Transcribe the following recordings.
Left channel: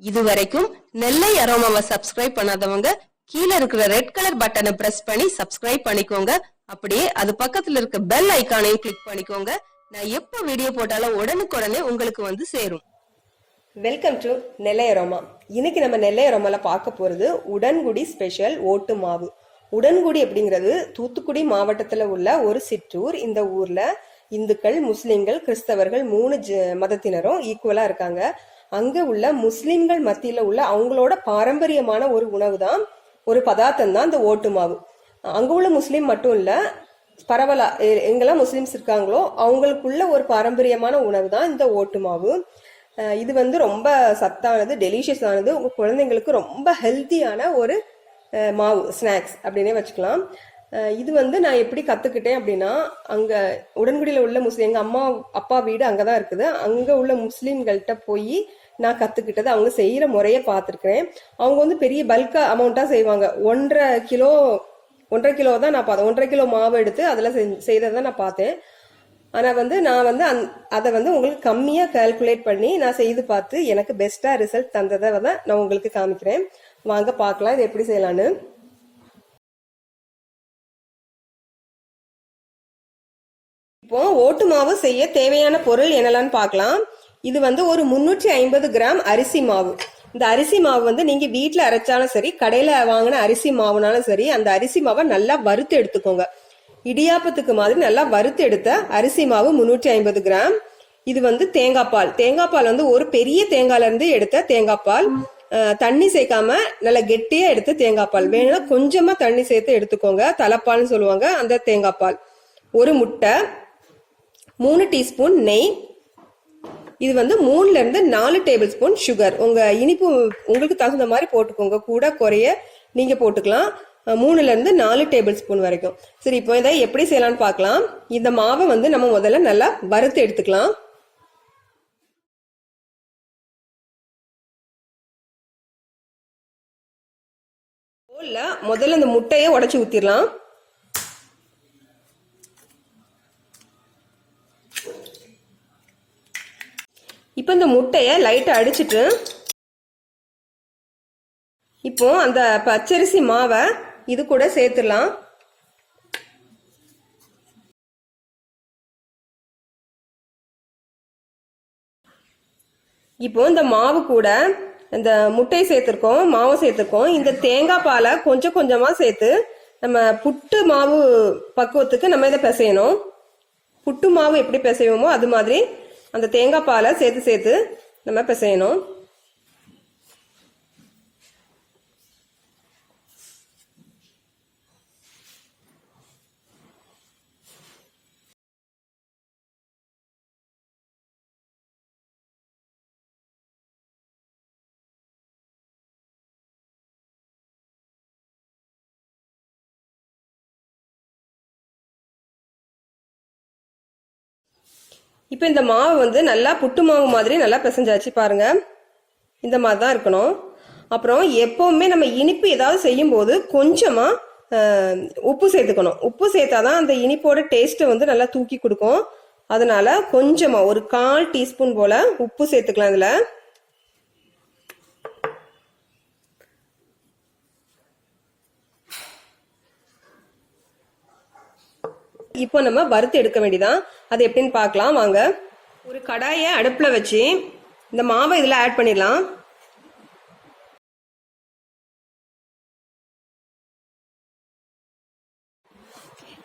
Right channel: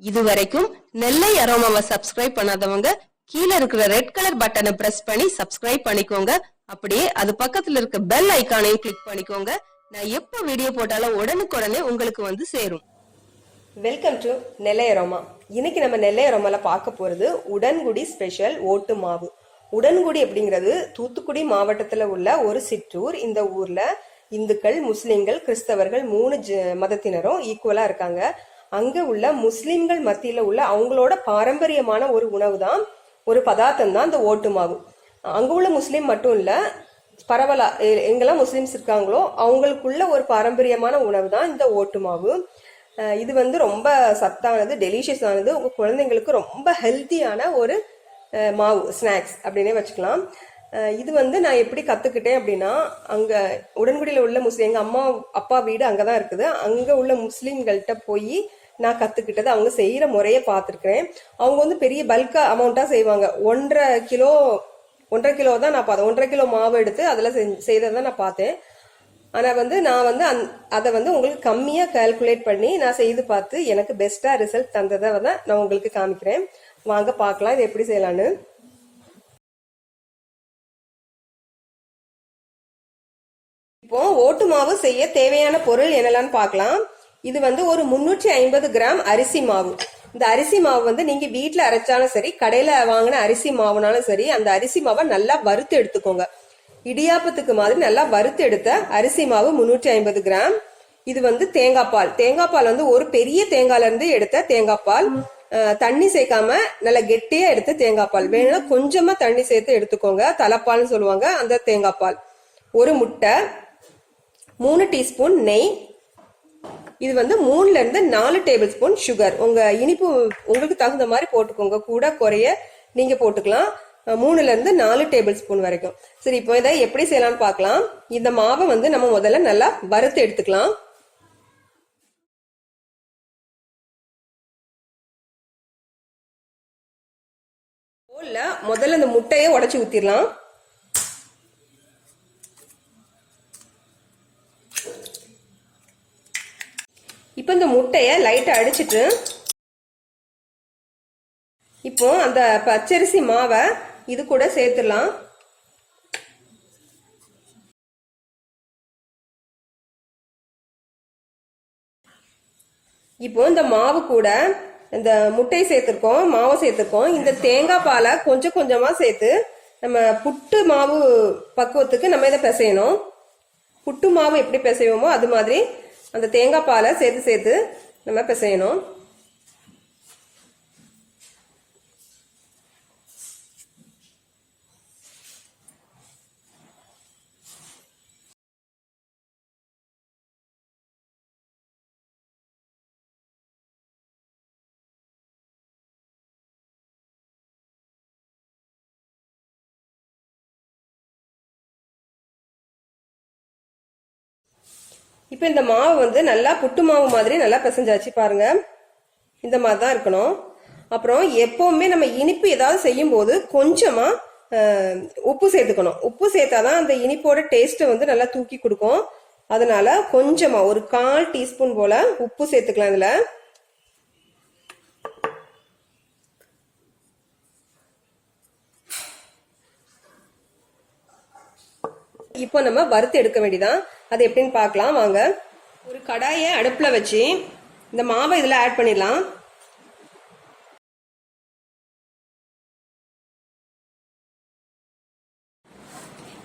இதுவரைக்கும் நெல்லை அரோமாவை சப்ஸ்கிரைப் பண்ணாதவங்க கீழே இருக்கிற ரெட் கலர் பட்டனை பிரஸ் பண்ணி சப்ஸ்கிரைப் பண்ணிக்கோங்க. அப்படியே அது பக்கத்துல இருக்க பெல் ஐகானையும் கிளிக் பண்ணிக்கோங்க. நான் எப்ப வீடியோ போட்டாலும் உடனுக்குடனே உங்களுக்கு வந்து சேரும். Welcome to Nellai aroma. இன்னைக்கு நம்ம நெல்லை அரோமால பார்க்க போறது உடன்குடி ஸ்பெஷல் ஓட்டு மாவு. உடன்குடி அப்படிங்கிறது தூத்துக்குடி மாவட்டத்துல உள்ள ஒரு சிற்றூர். இந்த ஊர்ல இந்துக்கள், முஸ்லிம்கள், கிறிஸ்தவர்கள் 3 மதத்தினரும் ஈக்குவலா இருக்காங்க. அங்க உள்ள முஸ்லிம்கள் மத்தியில உள்ள அவங்களோட பாரம்பரியமான ஒரு உணவு தான், ஒரு பதார்த்தம் தான் இந்த ஓட்டு மாவு. அங்க உள்ள முஸ்லீம் மட்டும் இல்ல, பரவலா எங்கெல்லாம் முஸ்லிம்ஸ் இருக்காங்களோ அவங்களுக்குள்ள ஒரு பாரம்பரியமான உணவு தான் இந்த ஓட்டு மாவு. இது வந்து ரொம்ப சத்தானது, டெலிஷியஸ் ஆனது, உங்க குழந்தைங்களுக்கு ரொம்ப ஹெல்த்தியான ஒரு மாவு, ஸ்நாக்ஸ் அப்படின்னே வச்சுக்கலாம். இது வந்து நான் எப்படி கத்துக்கிட்டேன் அப்படின்னா, அங்க உடன்குடியில உள்ள முஸ்லீம், எங்க அம்மா அப்பா வீடு அங்கதான் இருக்குது, அங்க உள்ள முஸ்லீம்கள்ட்ட போய் நான் கத்துக்கிட்டது. அவங்க செய்யற முறைய பார்த்துருக்கிறேன். அவங்க வந்து பெரிய பல்கா அமௌண்டா செய்வாங்க. 1.5 கிலோ தான் நான் பார்த்தேன். 1.5 கிலோ மாவு எடுத்து அதுல செய்ததான் நான் பார்த்தேன். ஆனா வந்து நான் வந்து அதை வந்து உங்களுக்கு கம்மியா கால்குலேட் பண்ணி நான் செய்து பார்த்து எனக்கு பெஸ்டா ரிசல்ட் தந்ததை தான் நான் உங்களுக்கு காமிக்கிறேன். வாங்க பார்க்கலாம் இது எப்படி செய்யலான்னு. இப்போ ஓட்டு மாவு செய்ய தேவையான பொருள் என்னெல்லாம் பார்க்கலாம். இது வந்து ஒரு 350 கிராம் அரிசி மாவு. இந்த அரிசி மாவு வந்து நீங்க வீட்டுல அரைச்சாலும் சரி, கடையில வாங்கின அரிசி மாவுனாலும் சரி, அந்த அரிசி மாவை நல்லா வறுத்து எடுத்துக்கோங்க. இடியாப்பத்துக்கு மாதிரி நல்லா வறுத்து எடுத்த அரிசி மாவு 350 கிராம். இது வந்து தேங்காய் பால். தேங்காய் பால் வந்து ஒரு பெரிய தேங்காயில இருந்து எடுத்த தேங்காய் பால். தண்ணி சேர்க்காம நல்லா கெட்டியா எடுத்த தேங்காய் பால். வேணும்னா கொஞ்சமா தண்ணி சேர்த்து எடுத்துக்கோங்க, தலைப்பால்னு சொல்லுவாங்க அந்த தேங்காய் பால். ஒரு முட்டை, 3 டீஸ்பூன் நெய். இது வந்து 3ல இருந்து 4 டேபிள் ஸ்பூன் சுகர். உங்க இனிப்பு உங்களுக்கு தகுந்த மாதிரி போட்டுக்கோங்க, கூட குறைய நீங்க போட்டுக்கலாம். 3ல இருந்து 4 டேபிள் ஸ்பூன் வரைக்கும். சரி, இப்போ இதை எப்படி செய்யலாம்னு பார்க்கலாம். இந்த மாவை வந்து நம்ம முதல்ல நல்லா வறுத்து எடுத்துக்கலாம். முதல்ல இந்த முட்டையை உடைச்சு ஊத்திடலாம். இப்போ இந்த முட்டைய லைட்டா அடிச்சிட்டு இப்போ அந்த பச்சரிசி மாவை இது கூட சேர்த்துடலாம். இப்போ இந்த மாவு கூட இந்த முட்டையை சேர்த்திருக்கோம், மாவை சேர்த்திருக்கோம். இந்த தேங்காய் பாலை கொஞ்சம் கொஞ்சமா சேர்த்து நம்ம புட்டு மாவு பக்குவத்துக்கு நம்ம இதை பிசையணும். புட்டு மாவு எப்படி பிசைவோமோ அது மாதிரி அந்த தேங்காய் பாலை சேர்த்து சேர்த்து நம்ம பிசையணும். இப்போ இந்த மாவு வந்து நல்லா புட்டு மாவு மாதிரி நல்லா பிசைஞ்சாச்சு பாருங்க. இந்த மாதிரி தான் இருக்கணும். அப்புறம் எப்பவுமே நம்ம இனிப்பு ஏதாவது செய்யும் போது கொஞ்சமா உப்பு சேர்த்துக்கணும். உப்பு சேர்த்தாதான் அந்த இனிப்போட டேஸ்ட் வந்து நல்லா தூக்கி கொடுக்கும். அதனால கொஞ்சமா ஒரு 1/4 டீஸ்பூன் போல உப்பு சேர்த்துக்கலாம் இதுல. இப்போ நம்ம வறுத்து எடுக்க வேண்டியதான். அது எப்படின்னு பார்க்கலாம் வாங்க. ஒரு கடாயை அடுப்புல வச்சு இந்த மாவை இதுல ஆட் பண்ணிடலாம்.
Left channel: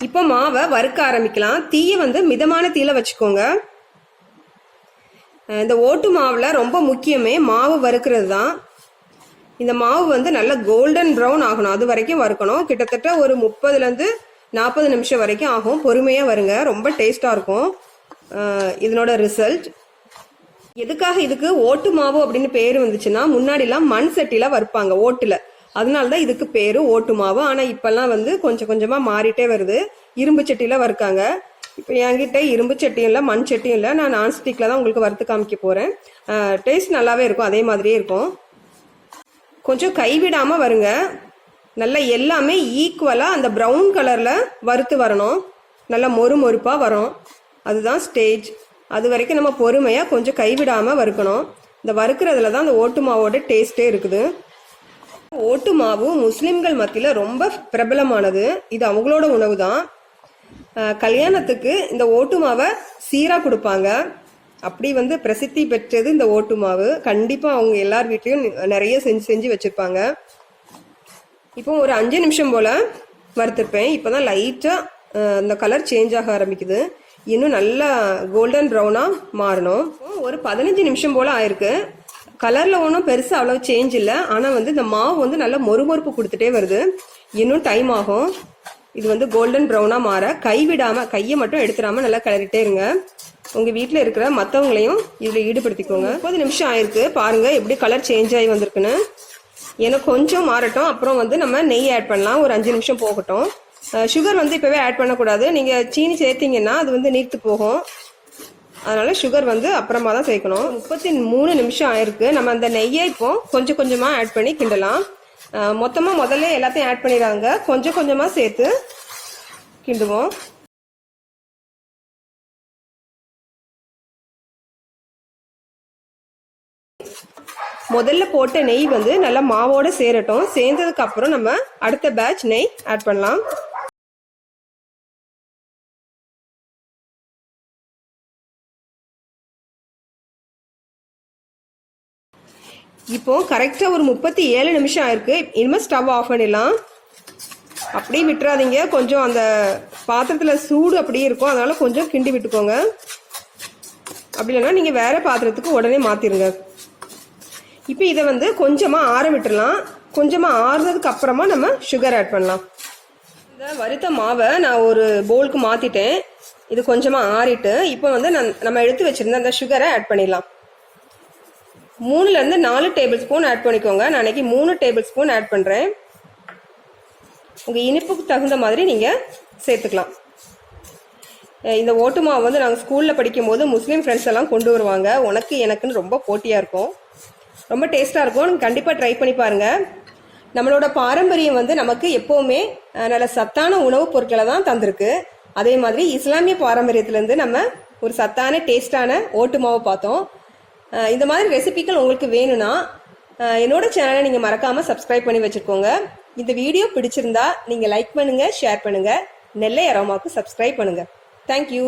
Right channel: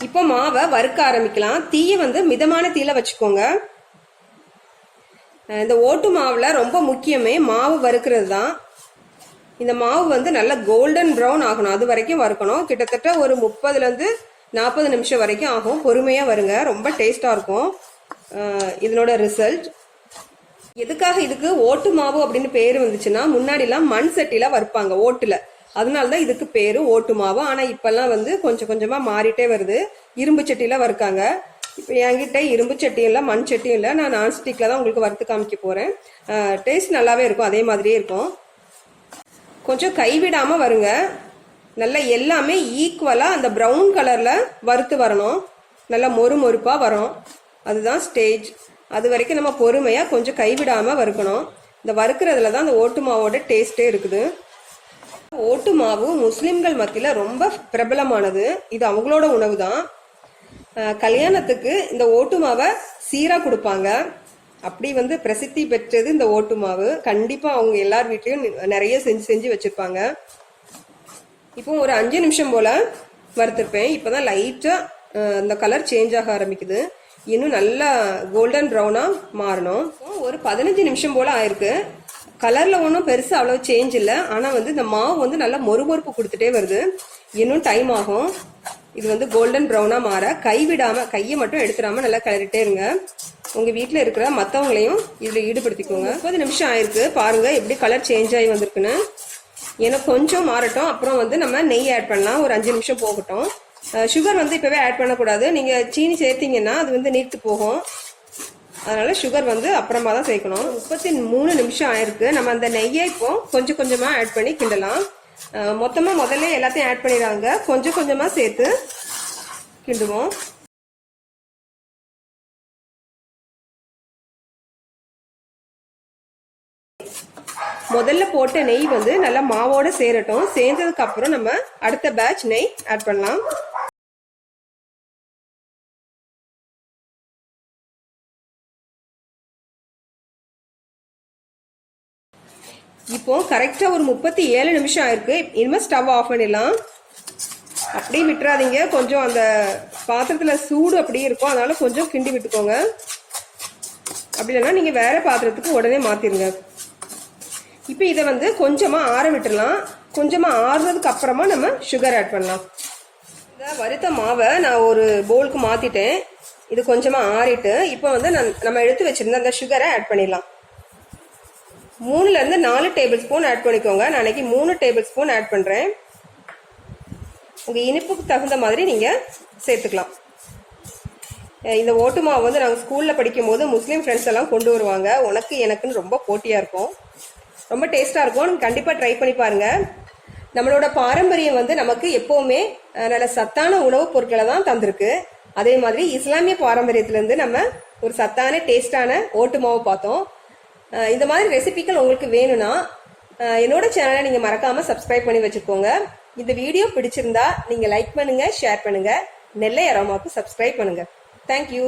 இப்போ மாவை வறுக்க ஆரம்பிக்கலாம். தீயை வந்து மிதமான தீயில வச்சுக்கோங்க. இந்த ஓட்டு மாவுல ரொம்ப முக்கியமே மாவு வறுக்கிறது தான். இந்த மாவு வந்து நல்லா கோல்டன் ப்ரௌன் ஆகணும், அது வரைக்கும் வறுக்கணும். கிட்டத்தட்ட ஒரு 30ல இருந்து 40 நிமிஷம் வரைக்கும் ஆகும். பொறுமையா வருங்க, ரொம்ப டேஸ்டா இருக்கும் இதனோட ரிசல்ட். எதுக்காக இதுக்கு ஓட்டு மாவு அப்படின்னு பேரு வந்துச்சுன்னா, முன்னாடி எல்லாம் மண் சட்டில வறுப்பாங்க ஓட்டுல, அதனாலதான் இதுக்கு பேரு ஓட்டு மாவு. ஆனா இப்பெல்லாம் வந்து கொஞ்சம் கொஞ்சமா மாறிட்டே வருது, இரும்பு சட்டில வறுக்காங்க. இப்ப என்கிட்ட இரும்பு சட்டியும் இல்ல, மண் சட்டியும் இல்ல, நான் நான்ஸ்டிக்ல தான் உங்களுக்கு வறுத்து காமிக்க போறேன். டேஸ்ட் நல்லாவே இருக்கும், அதே மாதிரியே இருக்கும். கொஞ்சம் கைவிடாம வருங்க. நல்லா எல்லாமே ஈக்குவலா அந்த ப்ரௌன் கலர்ல வறுத்து வரணும், நல்லா மொறு மொறுப்பா வரும். அதுதான் ஸ்டேஜ். அது வரைக்கும் நம்ம பொறுமையா கொஞ்சம் கைவிடாம வறுக்கணும். இந்த வறுக்கிறதுல தான் அந்த ஓட்டு மாவோட டேஸ்டே இருக்குது. ஓட்டு மாவு முஸ்லிம்கள் மத்தியில ரொம்ப பிரபலமானது. இது அவங்களோட உணவு தான். கல்யாணத்துக்கு இந்த ஓட்டு மாவை சீரா கொடுப்பாங்க. அப்படி பிரசித்தி பெற்றது இந்த ஓட்டு மாவு. கண்டிப்பா அவங்க எல்லார் வீட்லயும் நிறைய செஞ்சு வச்சிருப்பாங்க. இப்போ ஒரு 5 நிமிஷம் போல வறுத்திருப்பேன். இப்பதான் லைட்டா இந்த கலர் சேஞ்ச் ஆக ஆரம்பிக்குது. இன்னும் நல்லா கோல்டன் ப்ரௌனா மாறணும். ஒரு 15 நிமிஷம் போல ஆயிருக்கு. கலர்ல ஒன்றும் பெருசா அவ்வளவு சேஞ்ச் இல்லை. ஆனா இந்த மாவு நல்லா மொறுமொறுப்பு கொடுத்துட்டே வருது. இன்னும் டைம் ஆகும். இது கோல்டன் ப்ரௌனா மாற கைவிடாம, கையை மட்டும் எடுத்துடாம நல்லா கிளறிட்டே இருங்க. உங்க வீட்டுல இருக்கிற மத்தவங்களையும் இதுல ஈடுபடுத்திக்கோங்க. 30 நிமிஷம் ஆயிருக்கு. பாருங்க எப்படி கலர் சேஞ்ச் ஆகி வந்திருக்குன்னு. ஏன்னா கொஞ்சம் மாறட்டும். அப்புறம் நம்ம நெய் ஆட் பண்ணலாம். ஒரு 5 நிமிஷம் போகட்டும். சுகர் இப்பவே ஆட் பண்ணக்கூடாது. நீங்க சீனி சேர்த்தீங்கன்னா அது நீர்த்து போகும். அதனால சுகர் அப்புறமா தான் சேர்க்கணும். 33 நிமிஷம் ஆயிருக்கு. நம்ம அந்த நெய்யை இப்போ கொஞ்சம் கொஞ்சமா ஆட் பண்ணி கிண்டலாம். மொத்தமா முதல்ல எல்லாத்தையும் ஆட் பண்ணிடுறாங்க. கொஞ்சம் கொஞ்சமா சேர்த்து கிண்டுவோம். முதல்ல போட்ட நெய் நல்லா மாவோட சேரட்டும். சேர்ந்ததுக்கு அப்புறம் நம்ம அடுத்த பேட்ச் நெய் ஆட் பண்ணலாம். இப்போ கரெக்டா ஒரு 37 நிமிஷம் ஆயிருக்கு. இனிமே ஸ்டவ் ஆஃப் பண்ணிடலாம். அப்படியே விட்டுறாதீங்க. கொஞ்சம் அந்த பாத்திரத்துல சூடு அப்படியே இருக்கும். அதனால கொஞ்சம் கிண்டி விட்டுக்கோங்க. அப்படி இல்லைன்னா நீங்க வேற பாத்திரத்துக்கு உடனே மாத்திருங்க. இப்போ இதை கொஞ்சமா ஆற விட்டுடலாம். கொஞ்சமா ஆறுனதுக்கு அப்புறமா நம்ம சுகர் ஆட் பண்ணலாம். இந்த வறுத்த மாவை நான் ஒரு பவுலுக்கு மாத்திட்டேன். இது கொஞ்சமா ஆறிட்டு இப்போ நம்ம எடுத்து வச்சிருந்த அந்த சுகரை ஆட் பண்ணிடலாம். 3ல இருந்து 4 டேபிள் ஸ்பூன் ஆட் பண்ணிக்கோங்க. நான் இன்னைக்கு 3 டேபிள் ஸ்பூன் ஆட் பண்றேன். உங்க இனிப்புக்கு தகுந்த மாதிரி நீங்க சேர்த்துக்கலாம். இந்த ஓட்டு மாவு நாங்கள் ஸ்கூல்ல படிக்கும் போது முஸ்லீம் ஃப்ரெண்ட்ஸ் எல்லாம் கொண்டு வருவாங்க. உனக்கு எனக்குன்னு ரொம்ப போட்டியா இருக்கும். ரொம்ப டேஸ்டா இருக்கும். நீங்க கண்டிப்பா ட்ரை பண்ணி பாருங்க. நம்மளோட பாரம்பரியம் நமக்கு எப்பவுமே நல்ல சத்தான உணவுப் பொருட்களை தான் தந்திருக்கு. அதே மாதிரி இஸ்லாமிய பாரம்பரியத்திலிருந்து நம்ம ஒரு சத்தான டேஸ்டான ஓட்டு மாவு பார்த்தோம். இந்த மாதிரி ரெசிபிகள் உங்களுக்கு வேணும்னா என்னோட சேனலை நீங்க மறக்காம சப்ஸ்கிரைப் பண்ணி வச்சுக்கோங்க. இந்த வீடியோ பிடிச்சிருந்தா நீங்க லைக் பண்ணுங்க, ஷேர் பண்ணுங்க. நெல்லை அரோமாவுக்கு சப்ஸ்கிரைப் பண்ணுங்க. தேங்க்யூ.